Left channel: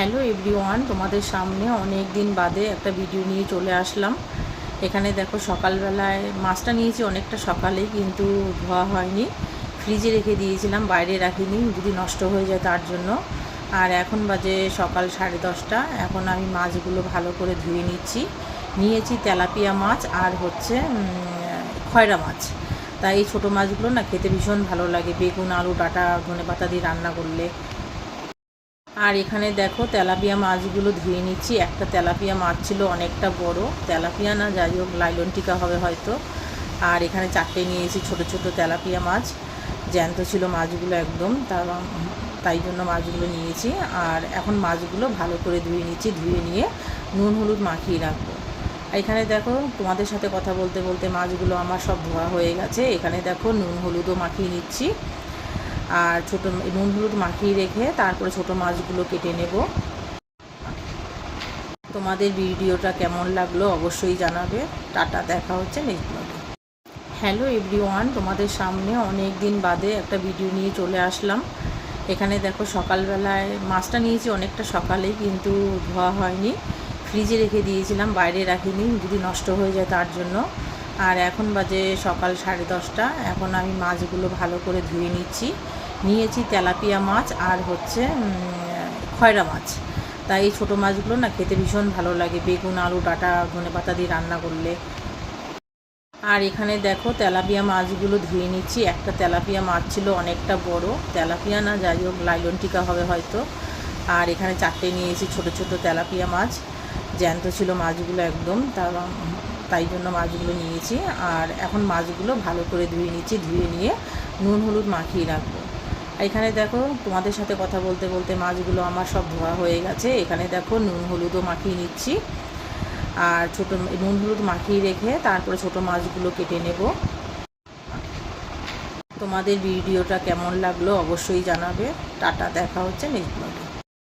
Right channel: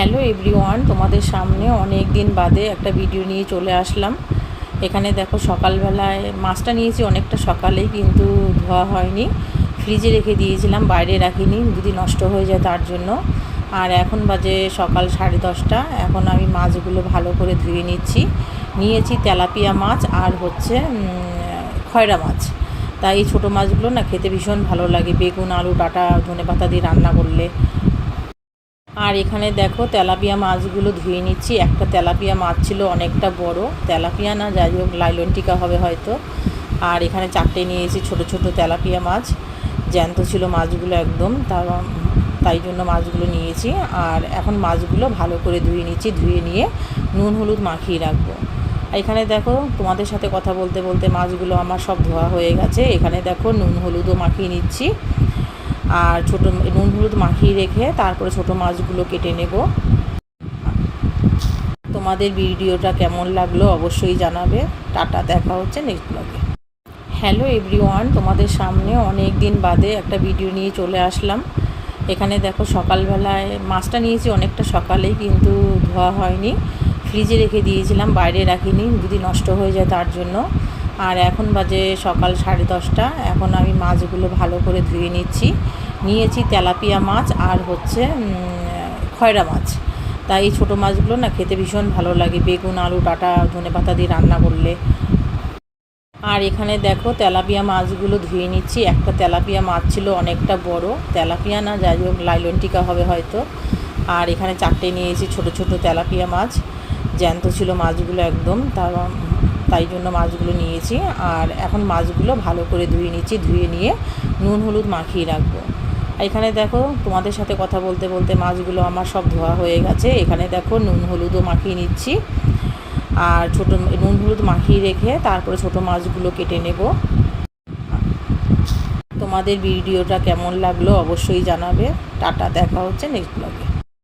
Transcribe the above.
Hello everyone, তোমাদের সামনে অনেক দিন বাদে একটা ভিডিও নিয়ে চলে আসলাম। এখানে দেখো সকালবেলায় মাছটা নিয়েছি অনেকটা সকালেই, কিন্তু ধোয়া হয়নি, ফ্রিজে রেখে দিয়েছিলাম, বাইরে রাখিনি যদি নষ্ট হয়ে যায় তার জন্য। আর এখন বাজে সকাল 10:30। এখন আমি মাছগুলো ভালো করে ধুয়ে নিয়েছি তেলাপিয়া মাছ আর হচ্ছে খয়রা মাছ। তাই এই ছোটো মাছগুলো না খেতে ভীষণ ভালো লাগে, বেগুন আলু ডাঁটা ধনেপাতা দিয়ে রান্না করলে। আর এখানে দেখো তেলাপিয়া মাছগুলো ধুয়ে নিচ্ছি। একটা তেলাপিয়া মাছ ছিল অনেকটা বড়, তেলাপিয়া না যাই হোক লাইলন টিকা হবে হয়তো। আর এখানে 4টে নিয়েছি ছোট ছোট তেলাপিয়া মাছ, জ্যান্ত ছিল মাছগুলো একদম, তাই জন্য মাছগুলো নিয়েছি। আর এখন মাছগুলো ভালো করে ধুয়ে নিচ্ছি, ধুয়ে নিয়ে নুন হলুদ মাখিয়ে রাখবো। এখানে দেখো তোমাদের সাথে কথা বলতে বলতে মাছগুলো আমার সব ধোয়া হয়ে গেছে। এখানে দেখো নুন হলুদও মাখিয়ে নিচ্ছি, আর ছোটো নুন হলুদ মাখিয়ে রেখে তারপরে ছোটো মাছগুলো কেটে নেব। তোমাদের ভিডিওটা কেমন লাগলো অবশ্যই জানাবে। টাটা, দেখা হচ্ছে নেক্সট ব্লগে। হ্যালো এভরিওয়ান, তোমাদের সামনে অনেক দিন বাদে একটা ভিডিও নিয়ে চলে আসলাম। এখানে দেখো সকালবেলায় মাছটা নিয়েছি অনেকটা সকালেই, কিন্তু ধোয়া হয়নি, ফ্রিজে রেখে দিয়েছিলাম, বাইরে রাখিনি যদি নষ্ট হয়ে যায় তার জন্য। আর এখন বাজে সকাল 10:30। এখন আমি মাছগুলো ভালো করে ধুয়ে নিয়েছি তেলাপিয়া মাছ আর হচ্ছে খয়রা মাছ। তাই এই ছোটো মাছগুলো না খেতে ভীষণ ভালো লাগে, বেগুন আলু ডাঁটা ধনেপাতা দিয়ে রান্না করলে। আর এখানে দেখো তেলাপিয়া মাছগুলো ধুয়ে নিচ্ছি। একটা তেলাপিয়া মাছ ছিল অনেকটা বড়, তেলাপিয়া না যাই হোক লাইলন টিকা হবে হয়তো। আর এখানে 4টে নিয়েছি ছোট ছোট তেলাপিয়া মাছ, জ্যান্ত ছিল মাছগুলো একদম, তাই জন্য মাছগুলো নিয়েছি। আর এখন মাছগুলো ভালো করে ধুয়ে নিচ্ছি, ধুয়ে নিয়ে নুন হলুদ মাখিয়ে রাখবো। এখানে দেখো তোমাদের সাথে কথা বলতে বলতে মাছগুলো আমার সব ধোয়া হয়ে গেছে। এখানে দেখো নুন হলুদও মাখিয়ে নিচ্ছি, আর নুন হলুদ মাখিয়ে রেখে তারপরে ছোটো মাছগুলো কেটে নেব। তোমাদের ভিডিওটা কেমন লাগলো অবশ্যই জানাবে। টাটা, দেখা হচ্ছে নেক্সট ব্লগে।